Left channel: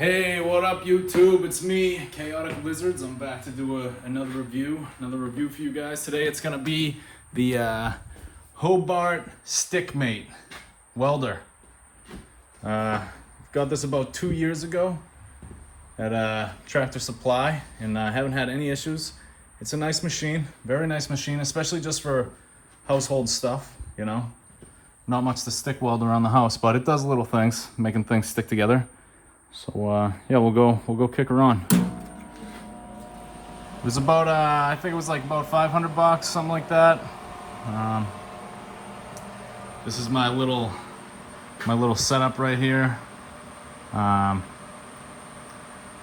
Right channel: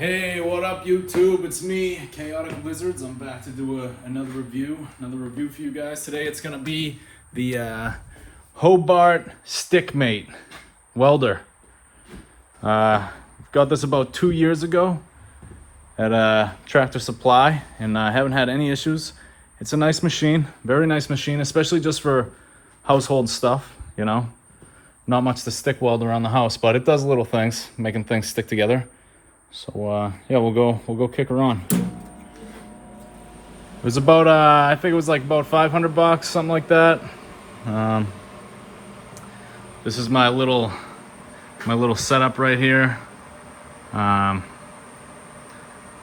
Hey, what up YouTube? It's me, Chaotic Lizards. I'm back to do another review for you guys. Today it's gonna be the Hobart Stickmate welder. Got this about 2 years ago at Tractor Supply, and I haven't had any issues. It's a nice machine, very nice machine, especially just for household stuff, you know. Not much to stick weld around the house, but it does little things, making things stick together. So yeah, we'll go kick her on. It was about I think it was like about 500 bucks, something like that. This is my little setup right here.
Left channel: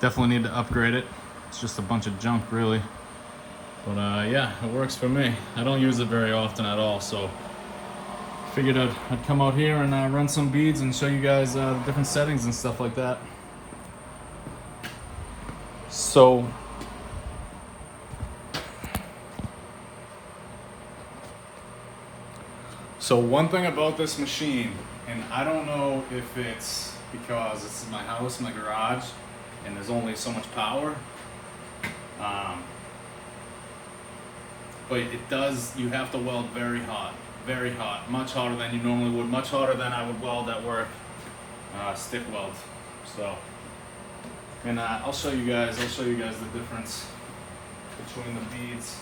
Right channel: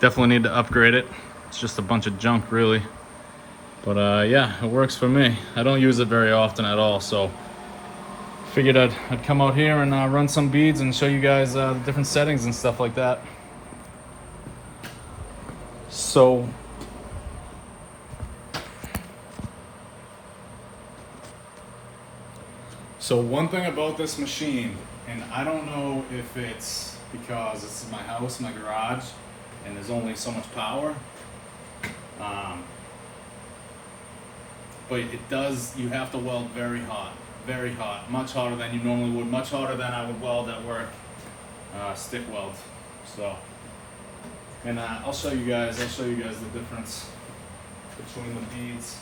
Definitely need to upgrade it. It's just a bunch of junk really, but yeah, it works for me. I don't use it very often at all, so figured I'd come out here and run some beads and show you guys the different settings and stuff like that. So one thing about this machine, and I don't know if it's because it's in my house, my garage, and there's only so much power, but it does, you have to weld very hot, much hotter than you normally would, much hotter than I would weld at work, stick weld. So, and I'll show you guys the difference between the beads.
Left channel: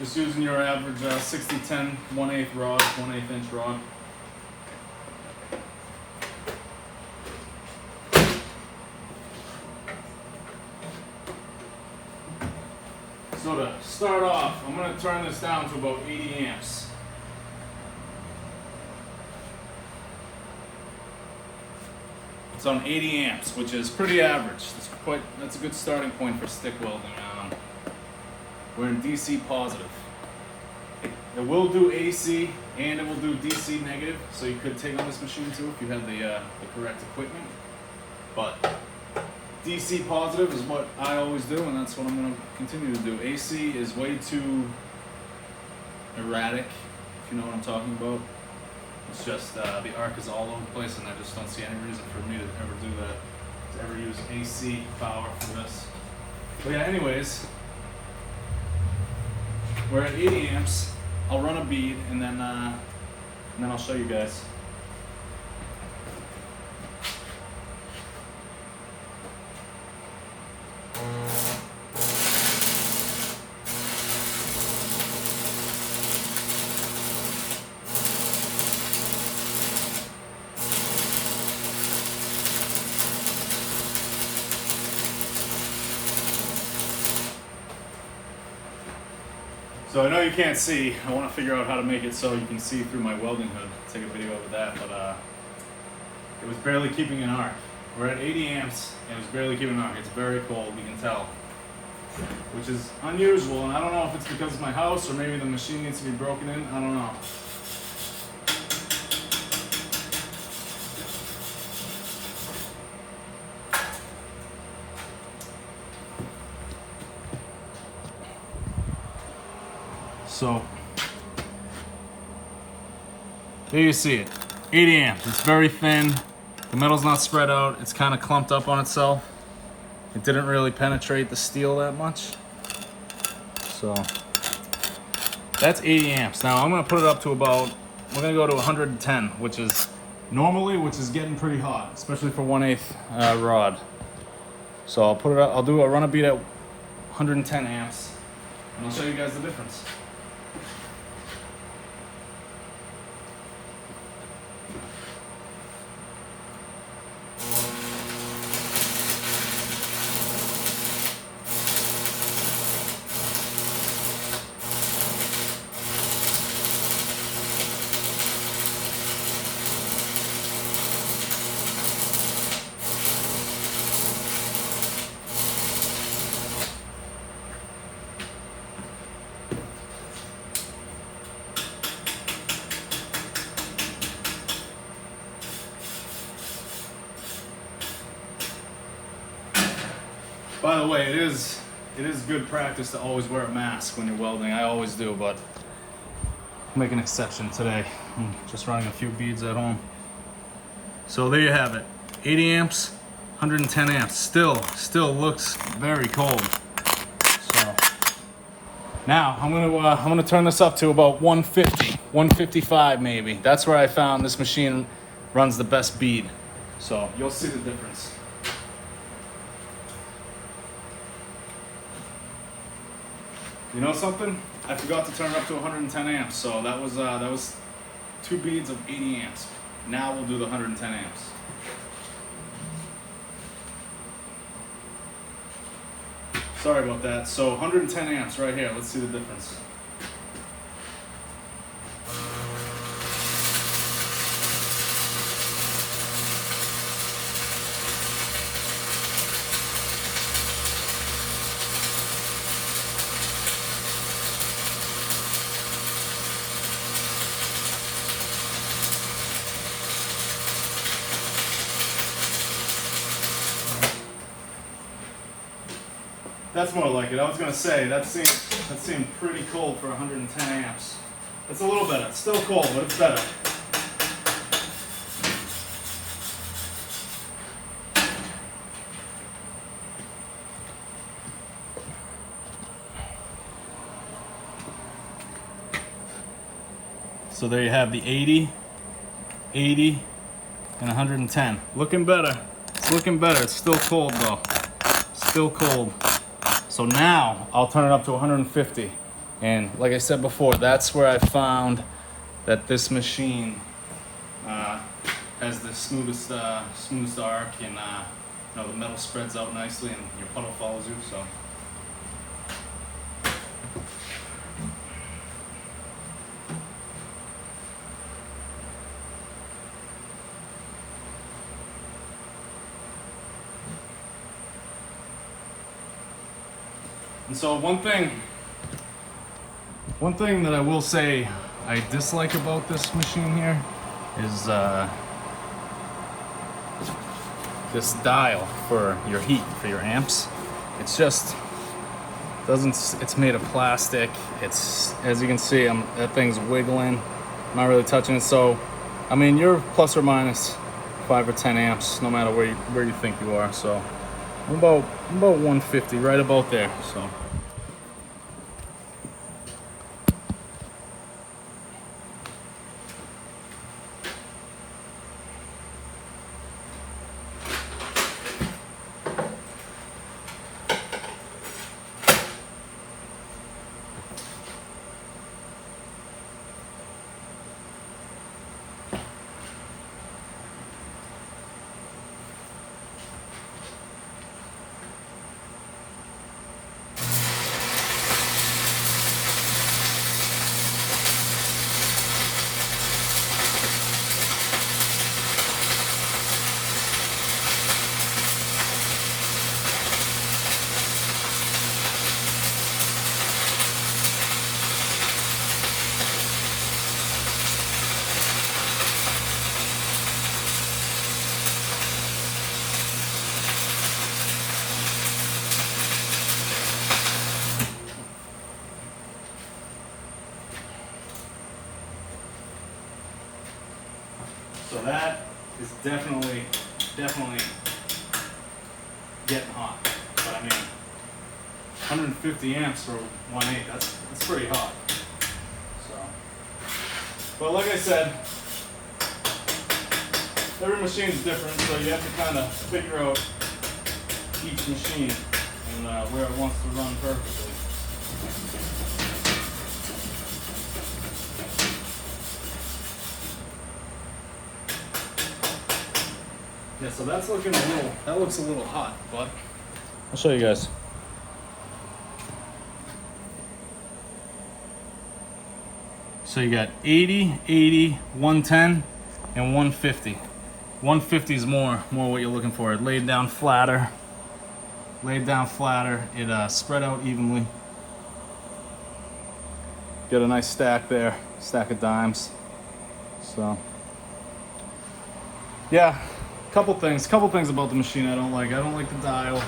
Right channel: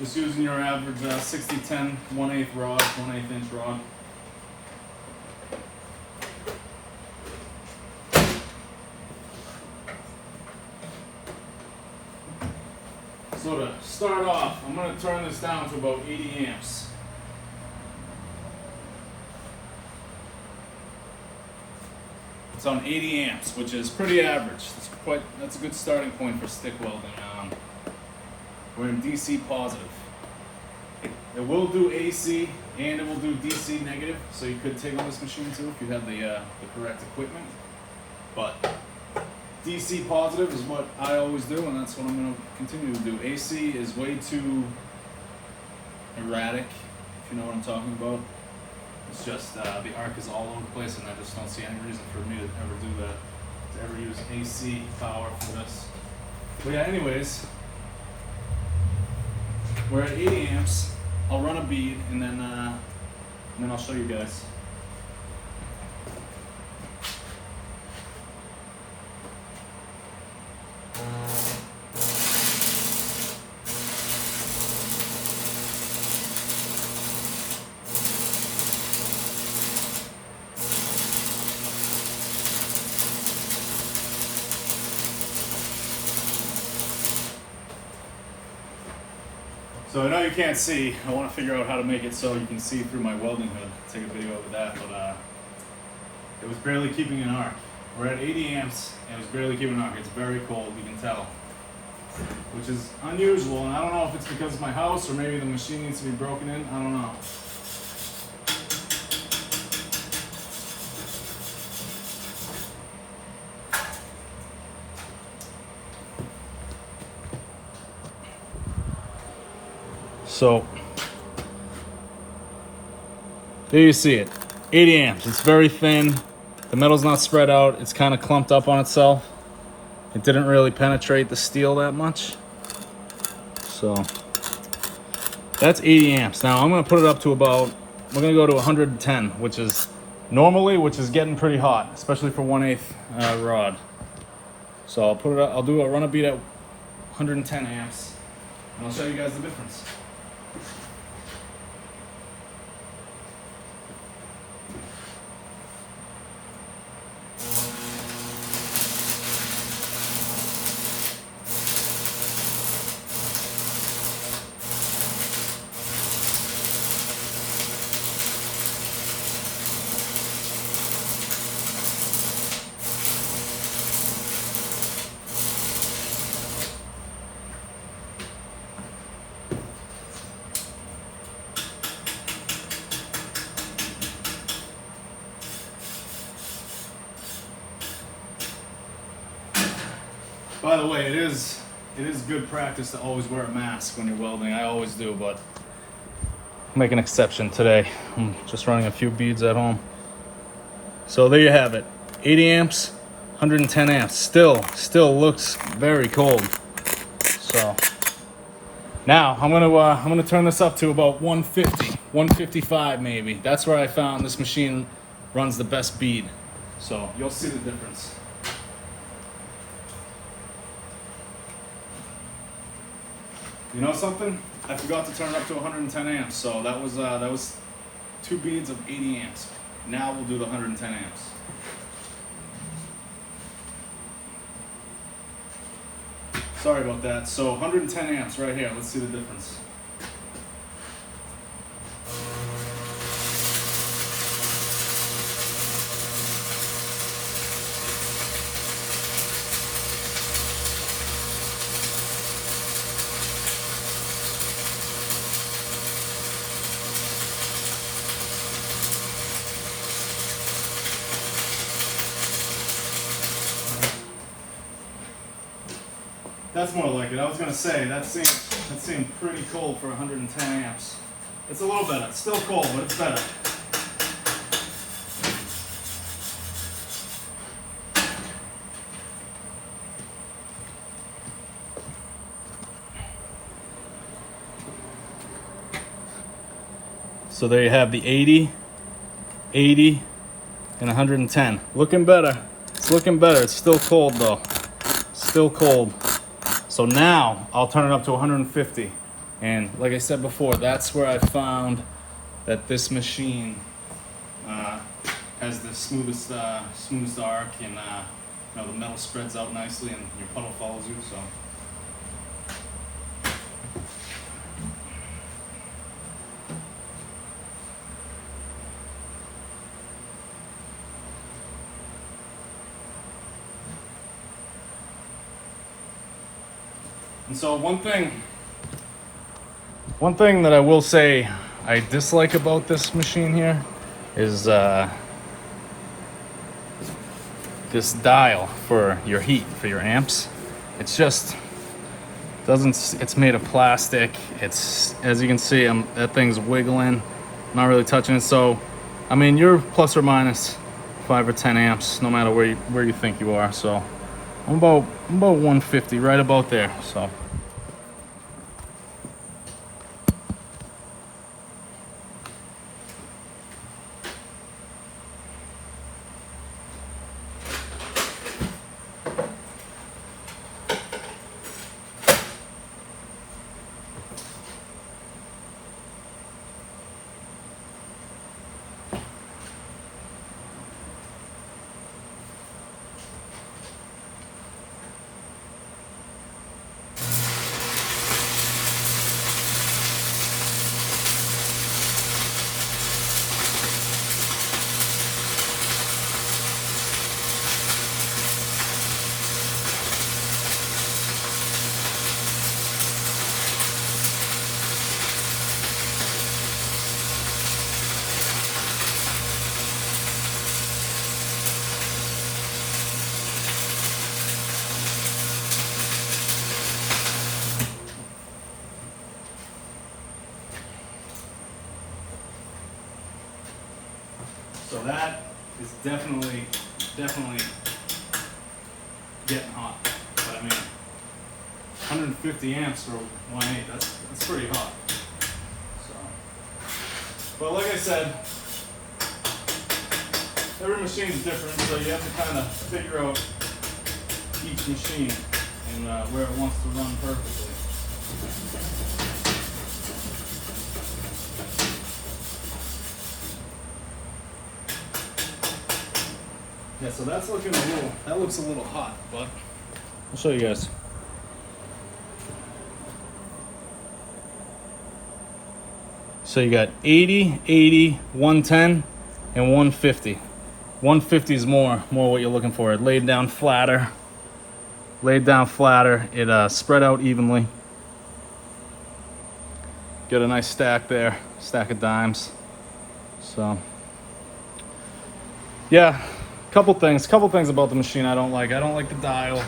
Just using your average 60-10 1/8 rod, 1/8 inch rod. So to start off, I'm going to turn this down to about 80 amps. It's on 80 amps, which is pretty average. That's a good starting point for stick welding. We're in DC positive. It will do AC and it will do DC negative, so you could take on this machine too if you have the correct equipment. But DC positive is what I always do, and that's what I'm going to continue to do. AC is way too erratic, if you know what I'm talking about. It's just the arc is all over the place, and I just don't see any reason for me to ever do that, to ever use AC power for this. But yeah, anyways, we're at 80 amps. I'll run a bead, and then I'll show you guys. So I know you can't see. I want to figure out how to make it so you can see through my welding hood. Take a video of that, but it was barely keeping an arc. We're at 80 amps, and it was barely keeping an arc. It's very cold, you can tell, which is unusual, and I don't know if it's because of my house or maybe the machine needs to be broken in. I don't know. So, there you see it, 80 amps, it's very thin, the metal's not spread out, it's kind of clumped up on itself. It didn't really penetrate the steel that much. So, that's 80 amps. Now I'm going to put it up to about, we're going to go to 110, which is getting pretty hot, especially for 1/8 rod. So I'll put it up, run a bead at 110 amps, and I'll show you guys the difference. By the way, it is it is good practice to always wear a mask when you're welding. I always do, but I'll make an exception today. I'm just running a few beads at home. So there you have it. 80 amps, 110 amps. Still looks very cold. So now I'm gonna turn this up to about 150, 155 maybe. That's where I found this machine runs the best bead. So you'll see the difference. You know something? I forgot to turn it up to 110 amps. So that was 2 beads of 80 amps. Now we'll do the 110 amps. Sorry about that. So 110 amps right here. Let's see the difference. That's more like it. I was gonna say that seemed pretty cold for 110 amps. It's a little better. It's still cold, but it's better. So there you have the 80, 80, and 110. Looking better. It's looking better. It's still cold though. Still cold. So now I'll turn it up to 150. And like I said before, that's where I found that this machine has the smoothest arc, and you know, the metal spreads out nicely and your puddle follows you. So. And so one thing that I will say I dislike about this machine here is this dial for your heat, for your amps. It's just it's made of plastic. It's, as you can see, that thing's wiggling. I'm not really touching it. So I mean, you're plus or minus 5 or 10 amps no matter where you think you are. So I'm about 150, right about there. So. So that is definitely getting hot. But I mean, 150 amps for 1.8, that's pretty hot. So, but like I said, every machine's different, so you have to kind of figure out each machine and where it wants to run perfectly. Yeah, so that looks a little hot, but I'll show you guys. So you got 80, 80, 110, and 150. 150 is more what you're looking for. It laid down flatter. It spread out evenly. Get a nice stack there, stack of dimes. So, yeah. Couple things about the machine I don't like. I don't like the dial.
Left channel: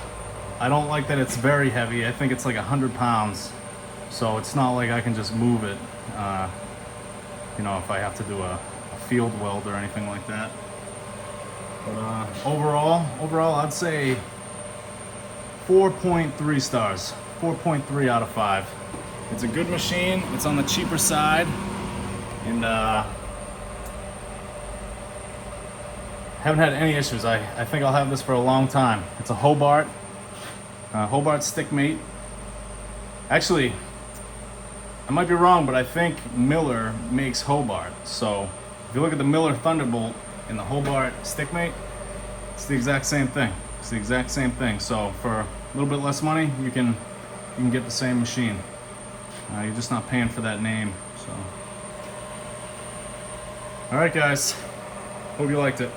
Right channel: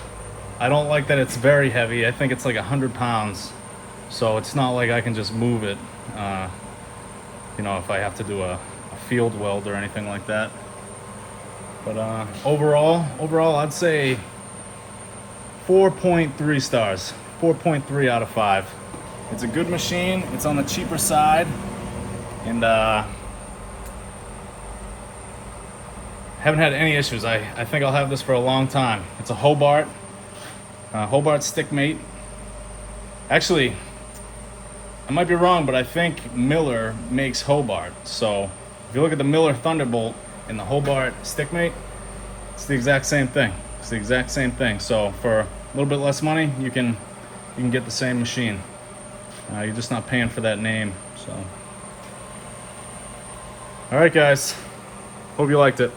I don't like that it's very heavy. I think it's like 100 pounds. So it's not like I can just move it, you know, if I have to do a field weld or anything like that. But overall, I'd say 4.3 stars, 4.3 out of 5. It's a good machine. It's on the cheaper side, and haven't had any issues. I think I'll have this for a long time. It's a Hobart Stickmate. Actually, I might be wrong, but I think Miller makes Hobart. So if you look at the Miller Thunderbolt and the Hobart Stickmate, it's the exact same thing. It's the exact same thing. So for a little bit less money, you can get the same machine. You're just not paying for that name. So, all right, guys. Hope you liked it.